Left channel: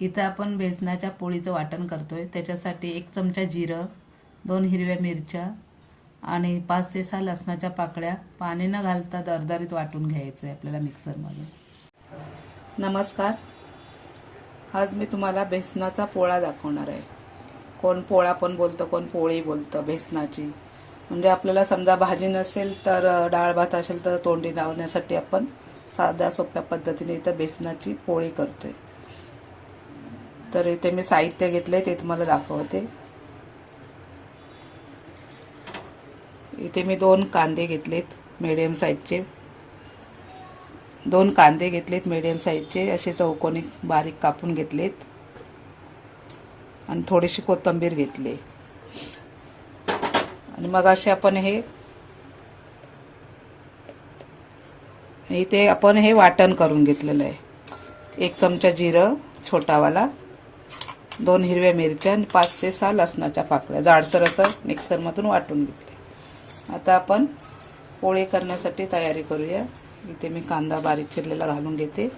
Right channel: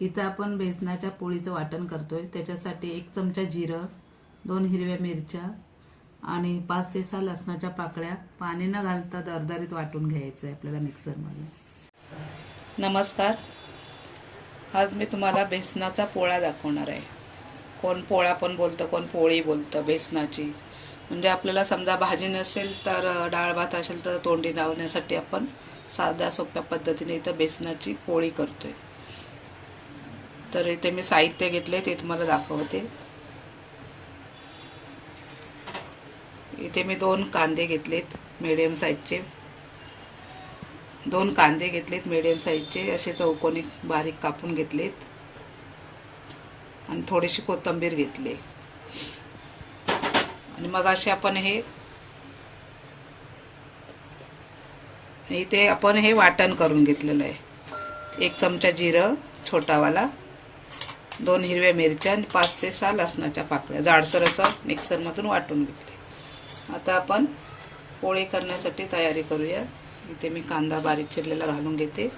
इथं आपण बेसनाच्या पोळीचं वाटण करतोय। त्याच्यासाठी 1 चमचा जिरं, 2 हिरव्या मिरच्या आणि 5 ते 6 लसणाच्या पाकळ्या पाणी न घालता दरदरीत वाटून घ्यायचं आहे आपल्याला मिक्सरमधून। नमस्कार, आज मी तुम्हाला बेसनाचा पोळा दाखवणार आहे। कोण पोळा पण बोलतं, कोण पोळी बोलतं बेसनाची। म्हणजे आपल्याला समजा भाजी नसेल तर डाळ भात असेल तर तोंडी लावण्यासाठी आपण साध्या सोप्या पद्धतीने इथं बेसनाची पोळी करतोय। तर इथे मी साहित्य घेतले ते तुम्हाला दाखवते। इथे मी 2 कांदे घेतलेत मीडियम साईजचे, 2 कांदे घेतलेत मीडियम साईजचे, असे चौकोनी बारीक कापून घेतलेत आणि थोडीशी कोथिंबीर घेतली। आणि मग असे आपण इथे आपण हे वाटण करून घेतलेलं आहे। 1 चमचा जिरं छोटावाला, 2 हिरव्या मिरच्या आणि 5 ते 6 लसणाच्या पाकळ्या जाडसर असं मिक्सरमधून वाटून घेतले। आता आपण पोळी करण्यासाठी तयारी करूया। इथे मी कांदा बारीक चिरलेला घालून घेते।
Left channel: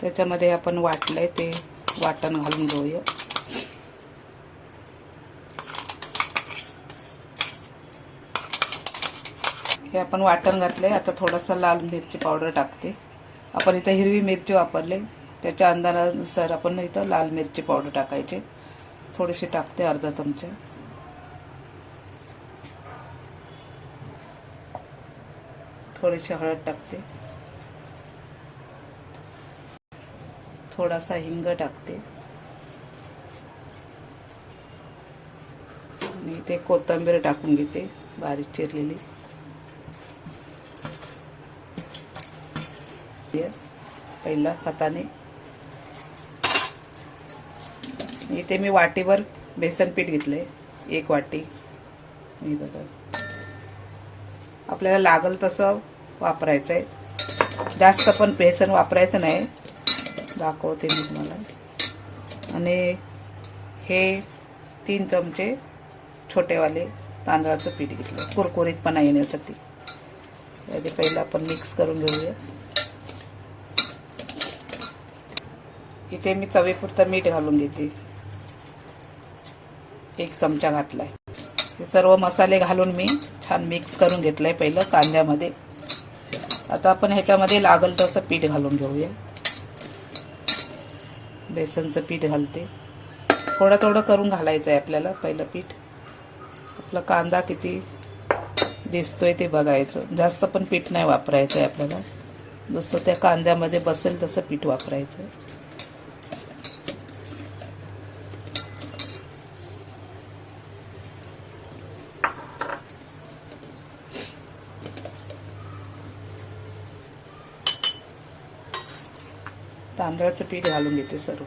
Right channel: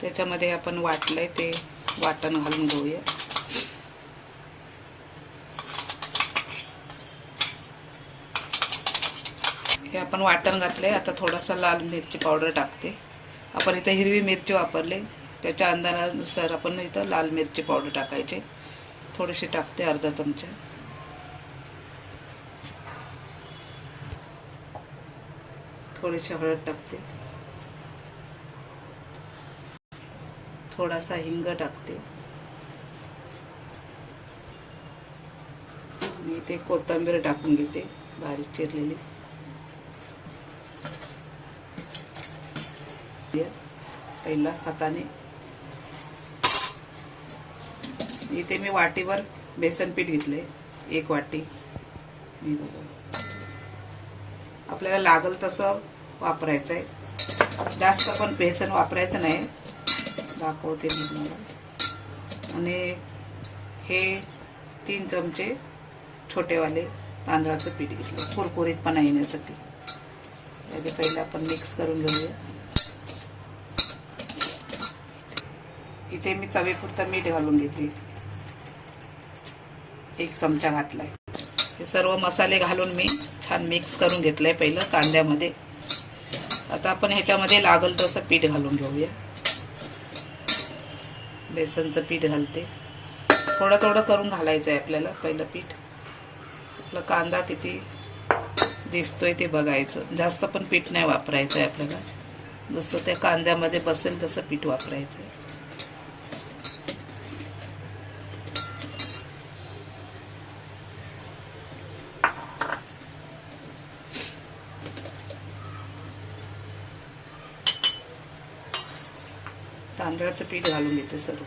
त्याच्यामध्ये आपण वाटलंय ते वाटण घालून घेऊया। हे आपण वाटण घातलंय। आता थोडासा लाल मिरची पावडर टाकते। आपण इथे हिरवी मिरची वापरले, त्याच्या अंदाजानुसार आपण इथं लाल मिरची पावडर टाकायची। थोडीशी टाकते, अर्धा चमचा। थोडीशी हळद टाकते, थोडासा हिंग टाकते आणि इथे कोथिंबीर टाकून घेते बारीक चिरलेली। पहिला हाताने इथे मी वाटीवर बेसन पीठ घेतले, 1 वाटी। मी बघा, आपल्याला लागल तसं वापरायचं आहे, जास्त पण बेसन वापरायचं नाही, दाखवते मी तुम्हाला। आणि हे 3 चमचे छोटेवाले तांदळाचं पीठ घेतलं कुरकुरीतपणा येण्यासाठी। यादी पहिला आपण मिक्स करून घेऊया। इथे मी चवीपुरतं मीठ घालून घेते, 1 चमचा घातलाय। हे सर्व मसाले घालून मी छान मिक्स करून घेतलंय पहिलं कांद्यामध्ये। आता आपण ह्याच्यामध्ये लागल तसं पीठ घालून घेऊया। बेसनचं पीठ घालते, थोडं थोडं करून घालायचं आहे आपल्याला पहिलं पीठ। आपला कांदा किती दिसतोय ते बघायचं, जास्त पण पीठ नाही वापरायचं आहे आपल्याला, जसं त्या कांद्यामध्ये बसेल तसं पीठ वापरायचं आहे। तांदळाचं पीठ घालून घेते सर्व।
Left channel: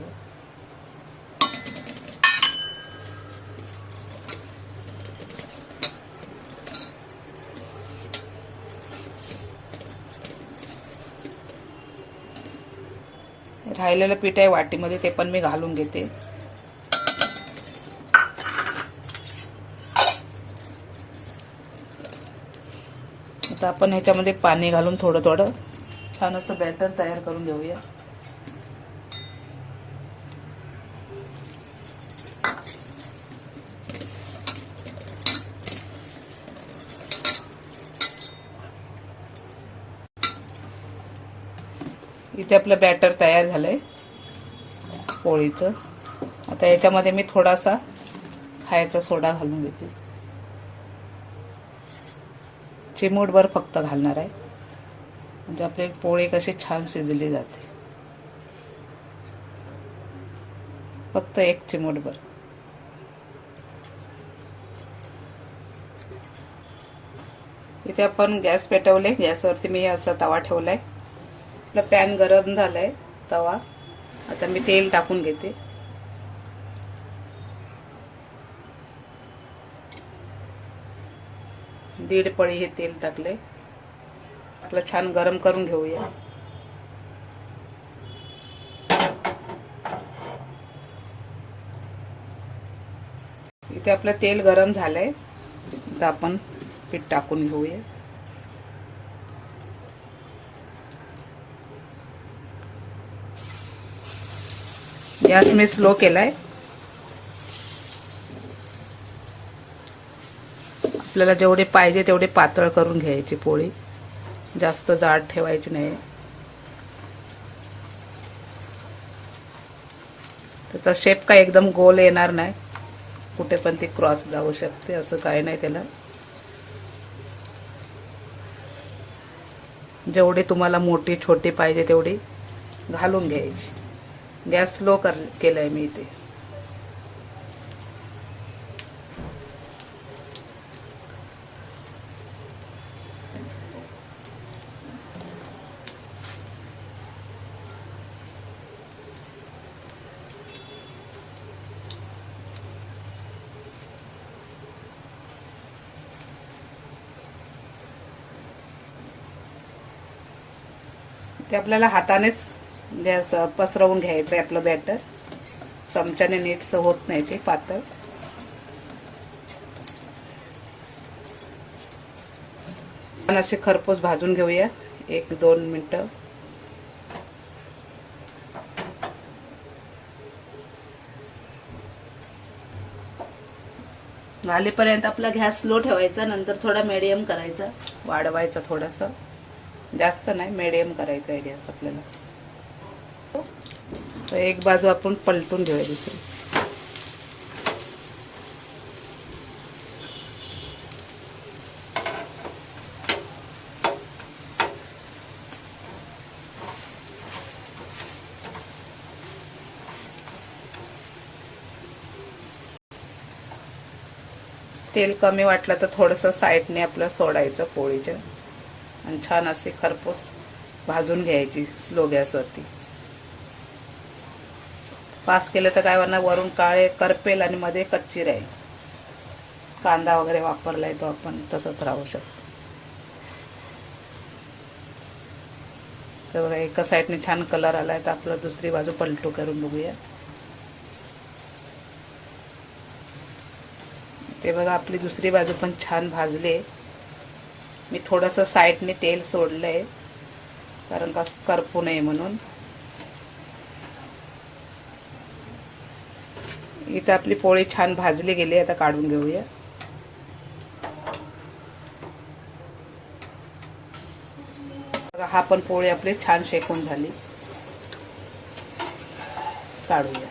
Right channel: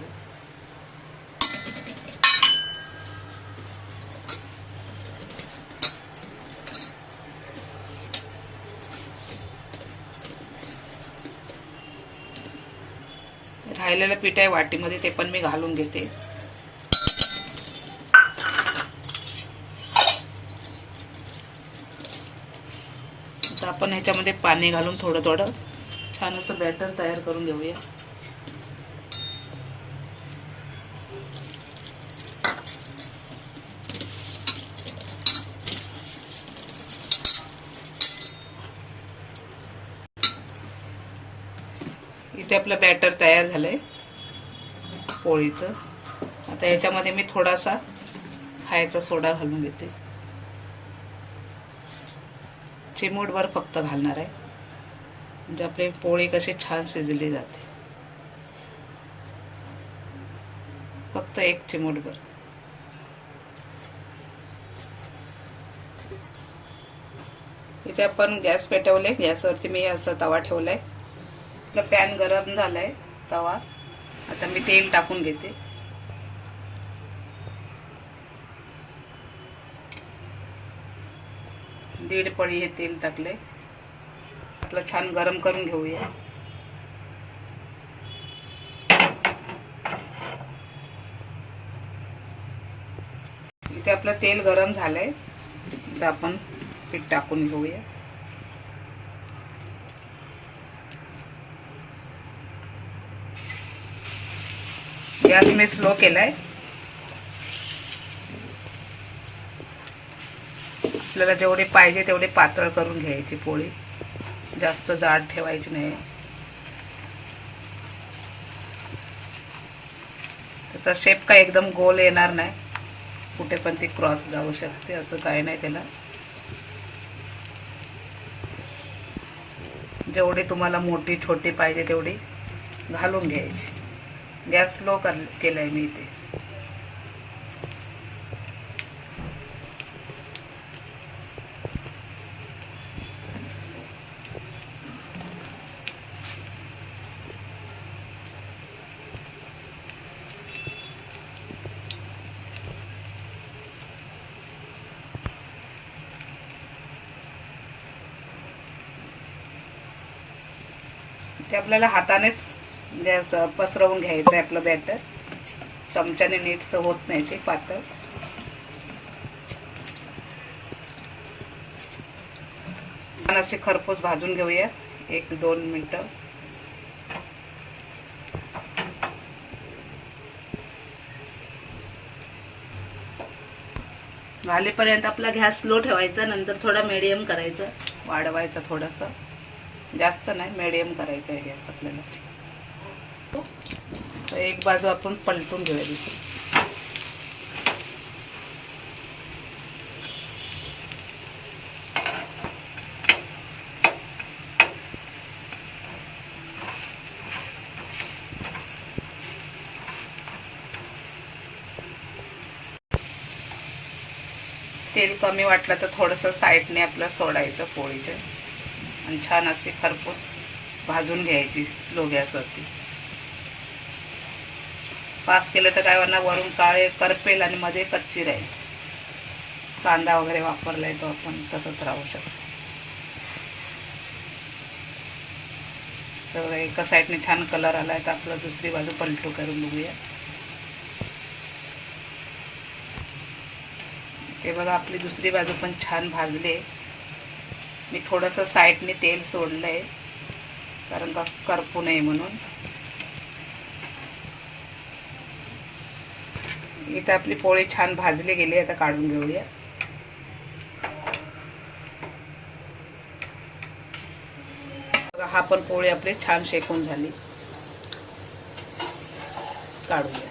राहिलेलं पीठ आहे वाटीमध्ये, ते पण मी घालून घेते। आता आपण ह्याच्यामध्ये पाणी घालून थोडं थोडं छान असं बॅटर तयार करून घेऊया। इथे आपलं बॅटर तयार झालंय पोळीचं। आता याच्यामध्ये मी थोडासा खायचा सोडा घालून घेते, चिमूटभर फक्त घालणार आहे, म्हणजे आपली पोळी कशी छान शिजली जाते। फक्त 1 चिमूटभर। इथे आपण गॅस पेटवले, गॅसवरती मी असा तवा ठेवलाय। आपला पॅन गरम झालाय तवा। आता मी तेल टाकून घेते। दीड पळी हे तेल टाकले। आपलं छान गरम करून घेऊया। इथे आपलं तेल गरम झालंय. आता आपण पीठ टाकून घेऊया. गॅस मी स्लो केलाय. आपल्याला जेवढे पाहिजे तेवढे पातळ करून घ्यायची पोळी, जास्त जाड ठेवायची नाही. त्याचा शेप काय एकदम गोल येणार नाही, कुठे पण ती क्रॉस जाऊ शकते, असं काही नाही त्याला. जेवढी तुम्हाला मोठी छोटी पाहिजे तेवढी घालून घ्यायची. गॅस स्लो केलाय मी इथे. ते आपल्याला हातानेच गॅस पसरवून घ्यायचं आहे आपलं बॅटर. चमच्याने नीटसं होत नाही ते पातळ. असे खरपूस भाजून घेऊया 1-2 मिनिटं. झालेपर्यंत आपला गॅस स्लो ठेवायचा, नंतर थोडा मीडियम करायचा, वाढवायचा थोडासा, जास्त नाही, मीडियम करायचा आहे गॅस आपल्याला. तर एक बाजू आपण पलटून घेऊया दुसरी. तेल कमी वाटलं तर थोडंसं साईडने आपलं सोडायचं पोळीच्या, आणि छान असे खरपूस भाजून घ्यायची स्लो गॅसवरती. फास्ट केलं तर काय होणार, वरून काळे करपेल आणि मध्ये कच्ची राहील. कांदा वगैरे वापरलाय तो आपण तसंच राहू शकतो. तर बघा एका साईडने छान कलर आलाय, तर आपलं दुसरी बाजू पलटू करून बघूया. ते बघा आपली दुसरी बाजू पण छान भाजले. मी थोडंसं साईडने तेल सोडलंय, कारण का करपू नये म्हणून. इथं आपली पोळी छान भाजली गेली, आता काढून घेऊया. हा पण पोळी आपली छान शेकून झाली, काढूया.